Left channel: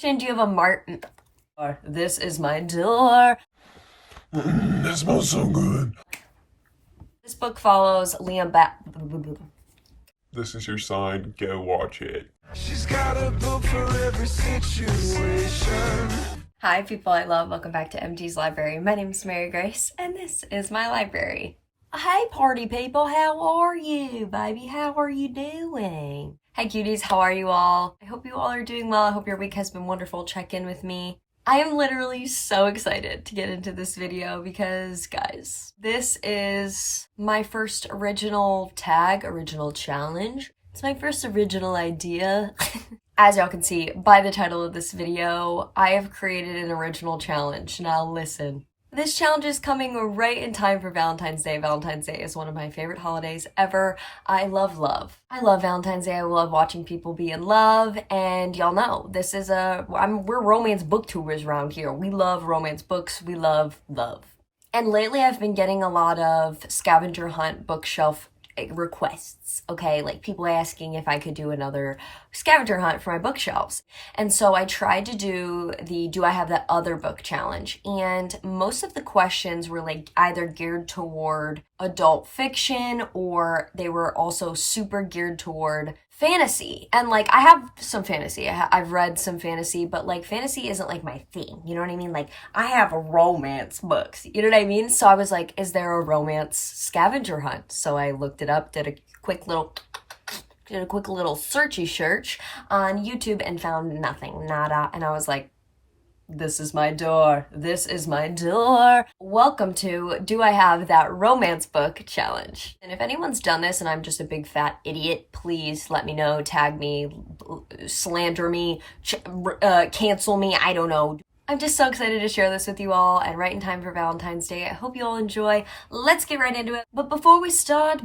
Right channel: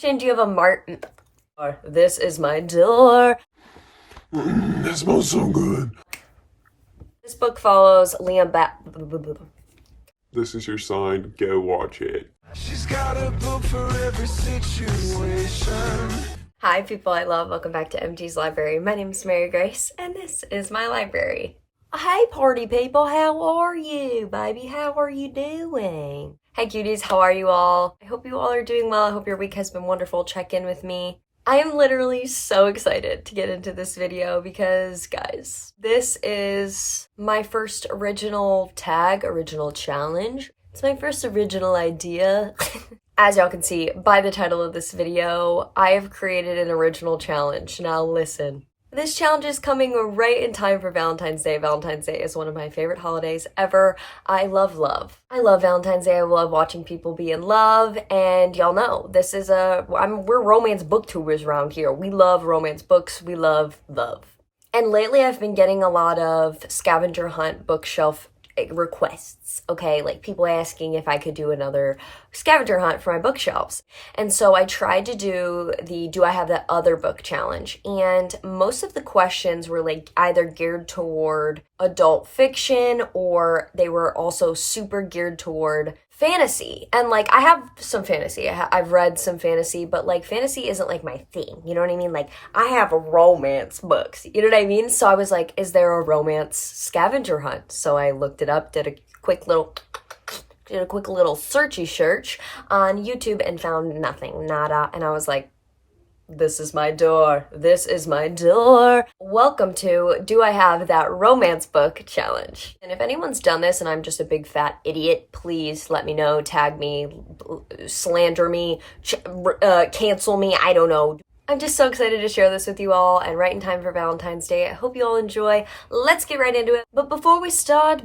Do you have a Martin? This is my door. That smells so good. This book follows Liam back. This is your sign. Go watch it. She's got a book for every situation. Hi people I love, welcome back to MG's Library. My name is Mary Grace and this is my library. Hey party people, how are you, baby? How are you doing? Hey cuties, how are you all? I hope you all are doing well. I hope your week has been wonderful. Check in with me. I am literally so excited to get into this video because, guys, this is my first original challenge. It's my first original idea. As y'all can see by the title of this video, I have created an original challenge. Now listen. This challenge is coming right in time for Valentine's Day. Valentine's Day is one of my favorite holidays ever. I love love. I love Valentine's Day. I love watching people be in love. And y'all know, this is we're romance booktubers around here. We love romance books. We love love. And lately I've been getting a lot of scavenger hunt bookshelf requests, okay? Like people asking if I could do another scavenger hunt for my bookshelves. And so I tried to do the Do I Have That Other Book challenge. And most of the questions were like either geared toward adult fiction or they were also super geared toward fantasy. And like I have some fantasy. I've read some fantasy, but like fantasy isn't like my thing. You know what I mean? Like I have romance books. You know what I mean? So I was like, is there a romance scavenger hunt? So I looked it up, did a quick little searchy search on YouTube and found nothing, nada. And I was like, this is my door. This is my door. Welcome to Do I Have That Romance Book challenge. And if anyone's done this and I'm just a big fat idiot, please let me know, tag me, slander me, cancel me, I don't know. I'm just so excited to share this with you all and right in time for Valentine's Day. I hope you all enjoy. Let's get right into it. But before we start,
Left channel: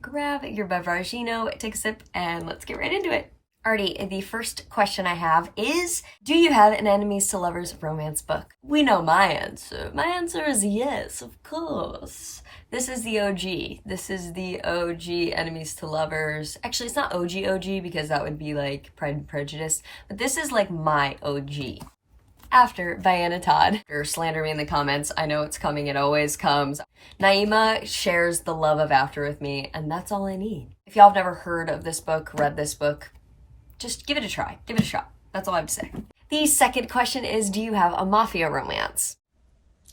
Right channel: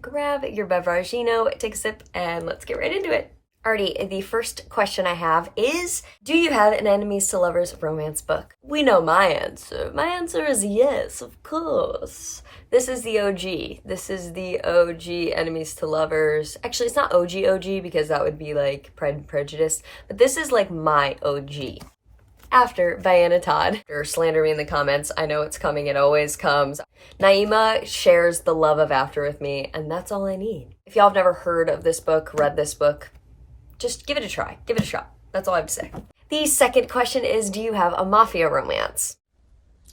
grab your beverage, take a sip and let's get right into it. Alrighty, the first question I have is, do you have an enemies to lovers romance book? We know my answer. My answer is yes, of course. This is the OG. This is the OG enemies to lovers. Actually, it's not OG because that would be like Pride and Prejudice, but this is like my OG. After Diana Todd, or slander me in the comments, I know it's coming, it always comes. Nayema shares the love of After with me, and that's all I need. If y'all have never heard of this book, read this book, just give it a try. Give it a shot. That's all I have to say. The second question is, do you have a mafia romance?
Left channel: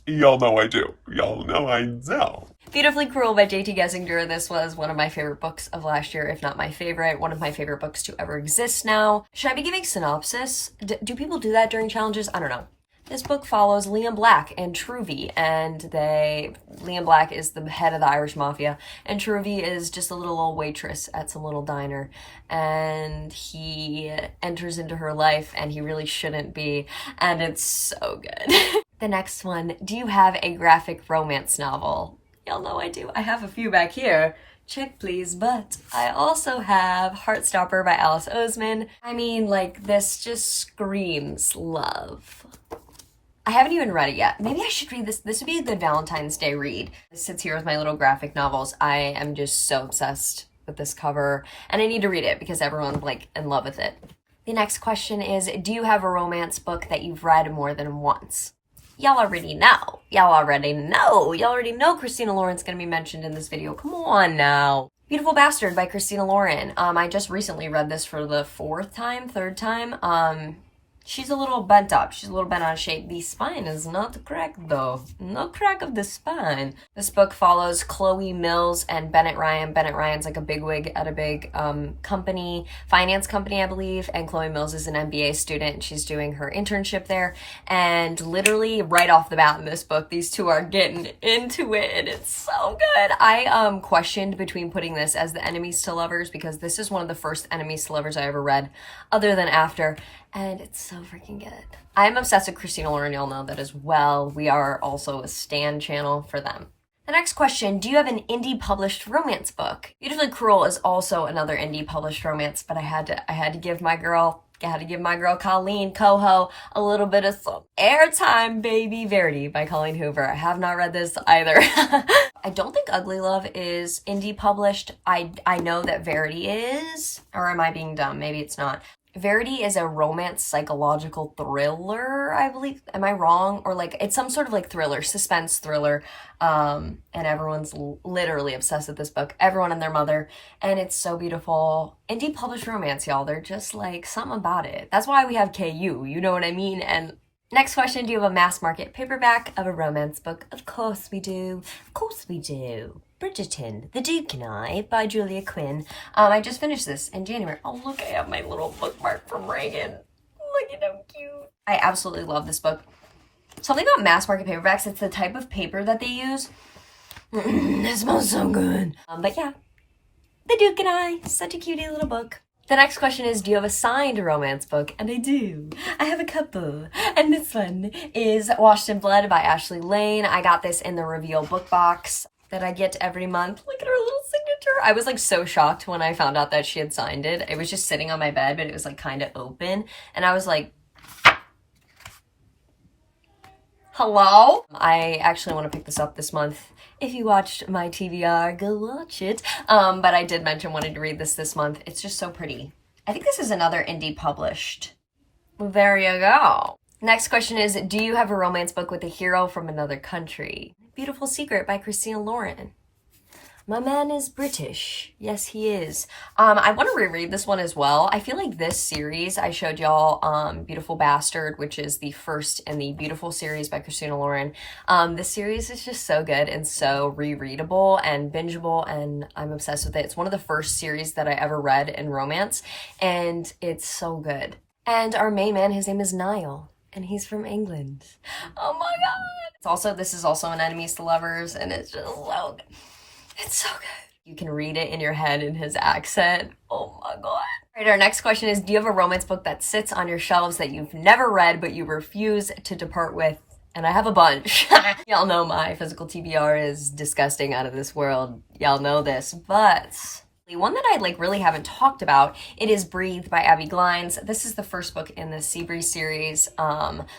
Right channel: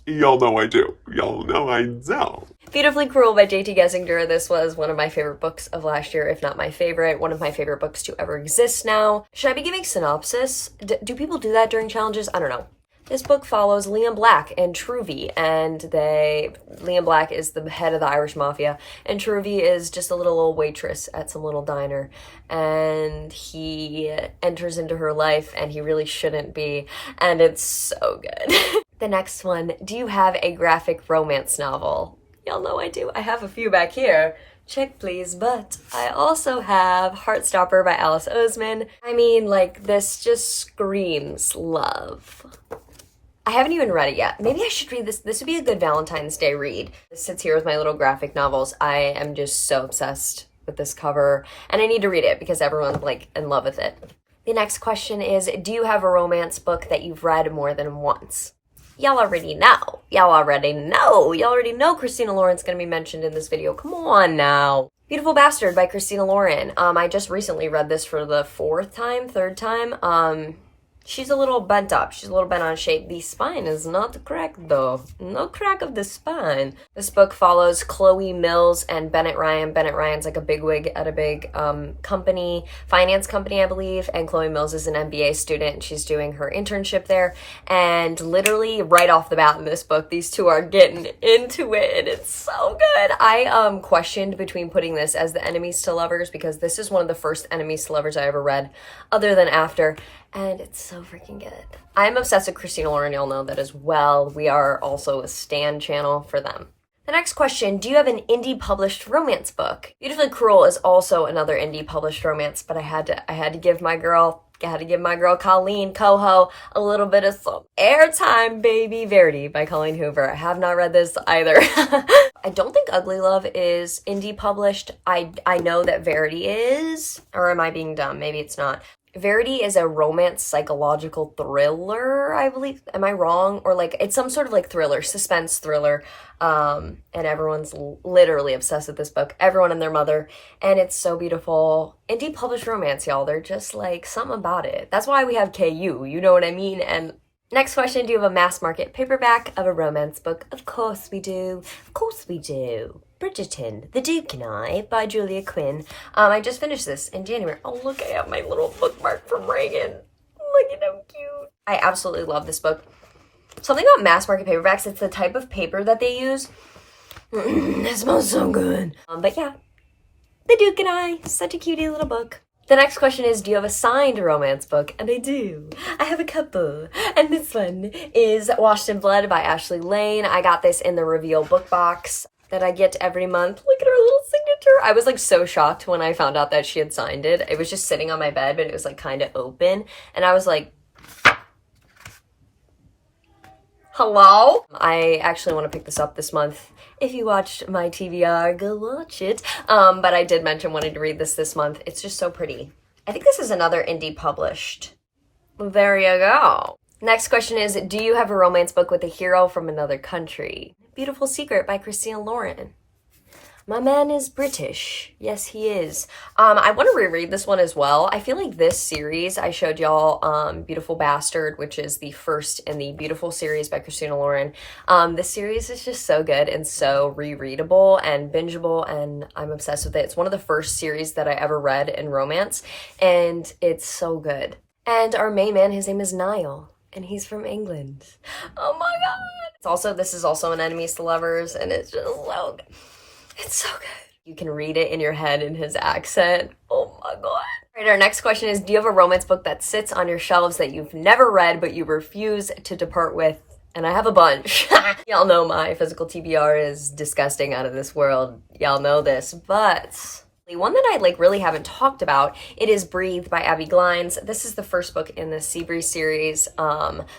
Y'all know I do. Y'all know I do. Beautifully Cruel by J.T. Gessinger. This was one of my favorite books of last year, if not my favorite. One of my favorite books to ever exist now. Should I be giving synopsis? Do people do that during challenges? I don't know. This book follows Liam Black and Truvy, and Liam Black is the head of the Irish mafia, and Truvy is just a little old waitress at some little diner, and he enters into her life, and he really shouldn't be, and it's so good. The next one, do you have a graphic romance novel? Y'all know I do. I have a few back here. Check please, but I also have Heartstopper by Alice Oseman. I mean, like, this just screams love. I haven't even read it yet. Maybe I should read this. This would be a good Valentine's Day read. This sits here with my little graphic novels. I am just so obsessed with this cover, and I need to read it because everyone's like in love with it. The next question is, do you have a romance book that you've read more than once? Y'all already know. Y'all already know Christina Lauren's gonna be mentioned in this video. Come on now. Beautiful Bastard by Christina Lauren. I just recently read this for the third time. She's a little bent up. She's a little bent out of shape. The spine is not cracked though. No crack of the spine. This book follows Chloe Mills and Bennett Ryan. Bennett Ryan's like a bigwig at a big finance company, I believe. And Chloe Mills is an MBA student. And she's doing her internship there. And literally right off the bat in this book, these two are getting into it. And it's so good. I questioned between putting this as the enemies to lovers because this is one of the first enemies to lovers I ever read, other than After. And it's so freaking good. I'm obsessed with Christina Lauren, y'all know that as well. We are also a stan channel for them. The next question, do you have an indie published romance book? Beautifully Cruel is also another indie published romance, but I had to give my girl Colleen Coho a little bit of some airtime, baby. Verity by Colleen Hoover. I have not read this either. I don't think Ugly Love is indie published. I know that Verity is, or am I being dumb? Maybe it's not. Verity is a romance psychological thriller, I believe. Am I wrong? Or like it's some sort of like thriller, suspense thriller. And everyone's literally obsessed with this book. Everyone and their mother. And it's so beautiful. Indie published romance, y'all. They're just like something about it. That's why we have KU, you know what I mean? And next question, do you have a mass market paperback of a romance book? Of course we do. Of course we do. Bridgerton, The Duke and I by Julia Quinn. I just finished this in January. Oh, look, I have my little bookmark from Reagan. Look at how cute. I absolutely love this book. Something about mass market paperbacks, it's the type of paper that they use. It smells so good. But yeah, The Duke and I, such a cutie little book. The next question is, do you have a signed romance book? And I do. I have a couple. And this one is Washed in Blood by Ashley Lane. I got this in the Reveal book box that I get every month. Look at her little signature. I was like so shocked when I found out that she had signed it. It was just sitting on my bed, but it was like kind of open. And I was like, hello? I actually want to pick this up this month. If you watched my TBR, go watch it. But I did mention wanting to read this month. It's just so pretty. I think this is another indie published. There you go. Next question is, do you have a romance book with a hero from another country? Beautiful Secret by Christina Lauren. My man is British. Yes, he is. I want to reread this one as well. I feel like this series, I showed y'all Beautiful Bastard, which is the first in the Beautiful series by Christina Lauren. This series is just so good and so rereadable and bingeable, and I'm obsessed with it. It's one of the first series that I ever read in romance, and it's so good. And our main man, his name is Niall, and he's from England. Oh my god! This is also an Enemies to Lovers, and it's just so good. It's so good. You can read it in your head in his accent. Oh my god. All right, our next question is, do you have a romance book that sits on your shelves that you've never read but you refuse to depart with? And I have a bunch. Y'all know my physical TBR is disgusting, out of this world. Y'all know this, but one that I really haven't talked about, it is Breathe by Abby Glines. This is the first book in the Seabreeze series.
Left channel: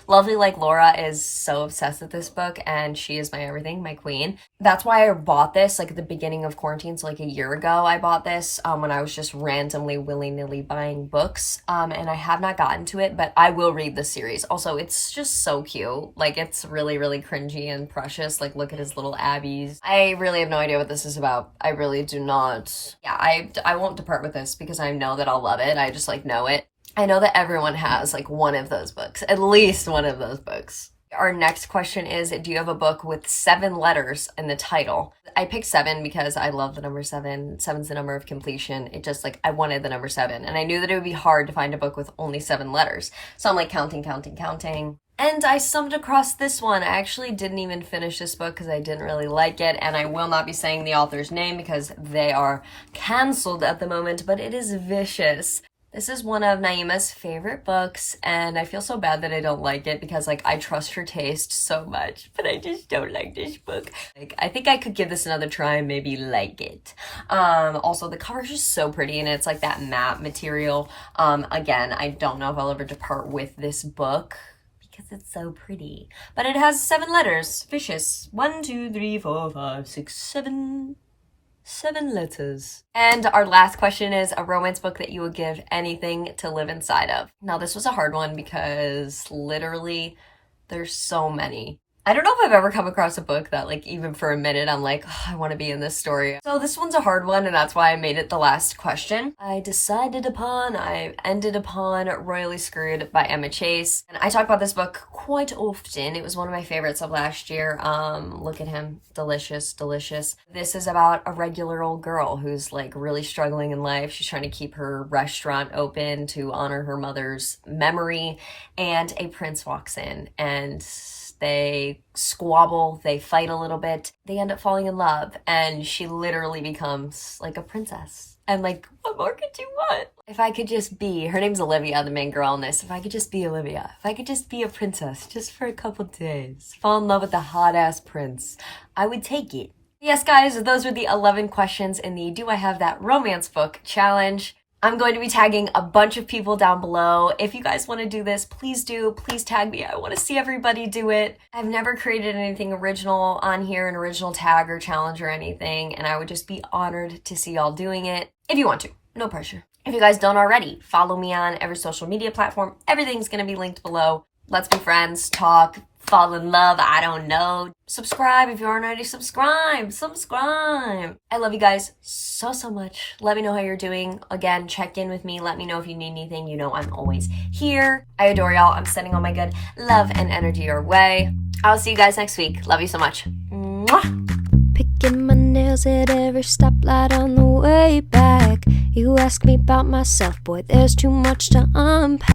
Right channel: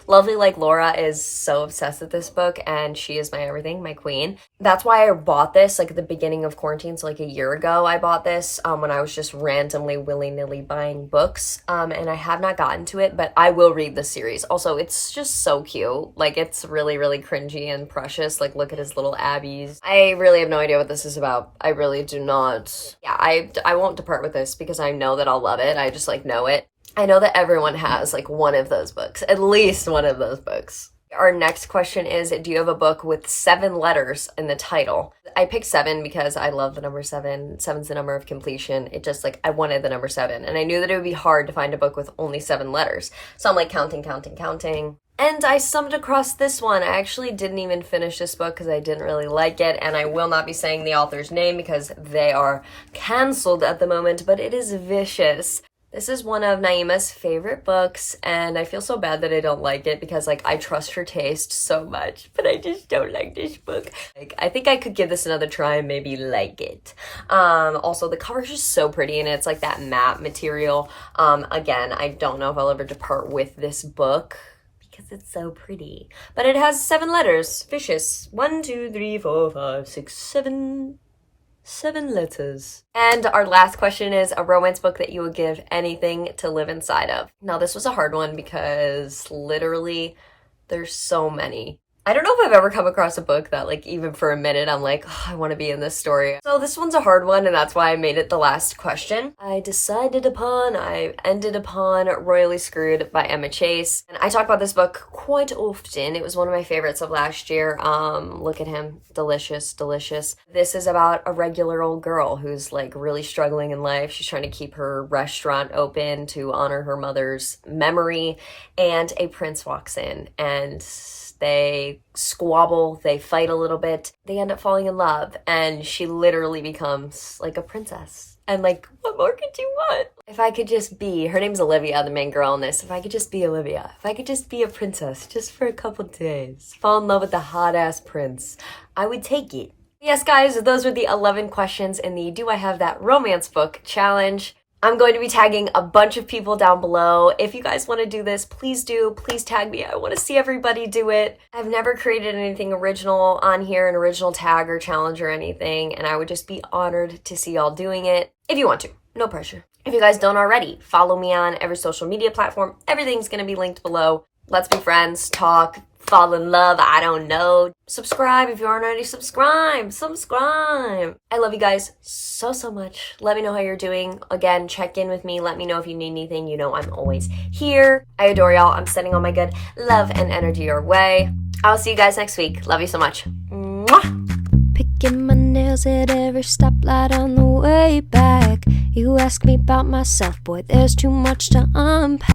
Lovely Like Laura is so obsessed with this book, and she is my everything, my queen. That's why I bought this at the beginning of quarantine, so a year ago I bought this when I was just randomly willy-nilly buying books, and I have not gotten to it, but I will read the series. Also, it's just so cute. It's really, really cringy and precious. Look at his little Abbies. I really have no idea what this is about. I really do not. Yeah, I won't depart with this because I know that I'll love it. I just know it. I know that everyone has one of those books, at least one of those books. Our next question is, do you have a book with 7 letters in the title? I picked 7 because I love the number 7. 7's the number of completion. It just I wanted the number 7, and I knew that it would be hard to find a book with only 7 letters. So I'm counting. And I stumbled across this one. I actually didn't even finish this book because I didn't really like it, and I will not be saying the author's name because they are canceled at the moment, but it is Vicious. This is one of Nayema's favorite books, and I feel so bad that I don't like it because I trust her taste so much, but I just don't like this book. I think I could give this another try and maybe like it. Also, the cover is just so pretty, and it's that matte material. Again, I don't know if I'll ever depart with this book, because it's so pretty. But it has 7 letters. Vicious. 1, 2, 3, 4, 5, 6, 7. 7 letters. And our last question is a romance book that you would give anything to live inside of. Now, this was a hard one because literally there's so many. I don't know if I've ever come across a book that even for a minute I'm oh, I want to be in this story. So this one's a hard one, and that's why I made it the last question. I ended upon Royally Screwed by Emma Chase. And I talk about this book quite often. It was one of my favorites of last year. Look at him. Delicious, delicious. This is about a regular old girl who's really struggling in life. She's trying to keep her restaurant open to honor her mother's memory, and a prince walks in, and they squabble, they fight a little bit, they end up falling in love, and she literally becomes a princess. And what more could you want? If I could just be, her name's Olivia, the main girl in this, if I could just be Olivia, if I could just be a princess just for a couple days, fall in love with the hot-ass prince, I would take it. Yes, guys, those were the 11 questions in the Do I Have That Romance Book challenge. I'm going to be tagging a bunch of people down below. If you guys want to do this, please do. Please tag me. I want to see everybody do it. I've never created anything original on here, an original tag or challenge or anything, and I would just be honored to see y'all doing it. If you want to. No pressure. If you guys don't already, follow me on every social media platform. Everything's going to be linked below. Let's be friends, talk, fall in love, I don't know. Subscribe if you aren't already subscribed. Subscribe. I love you guys so much. Let me know how you're doing. Again, check in with me. Let me know if you need anything. You know I'm always here. I adore y'all. I'm sending all my good love and energy your way. I'll see you guys next week. Love you so much. Mwah! Picking my nails at every stoplight on the way back. You ask me about myself, boy, there's too much to unpack.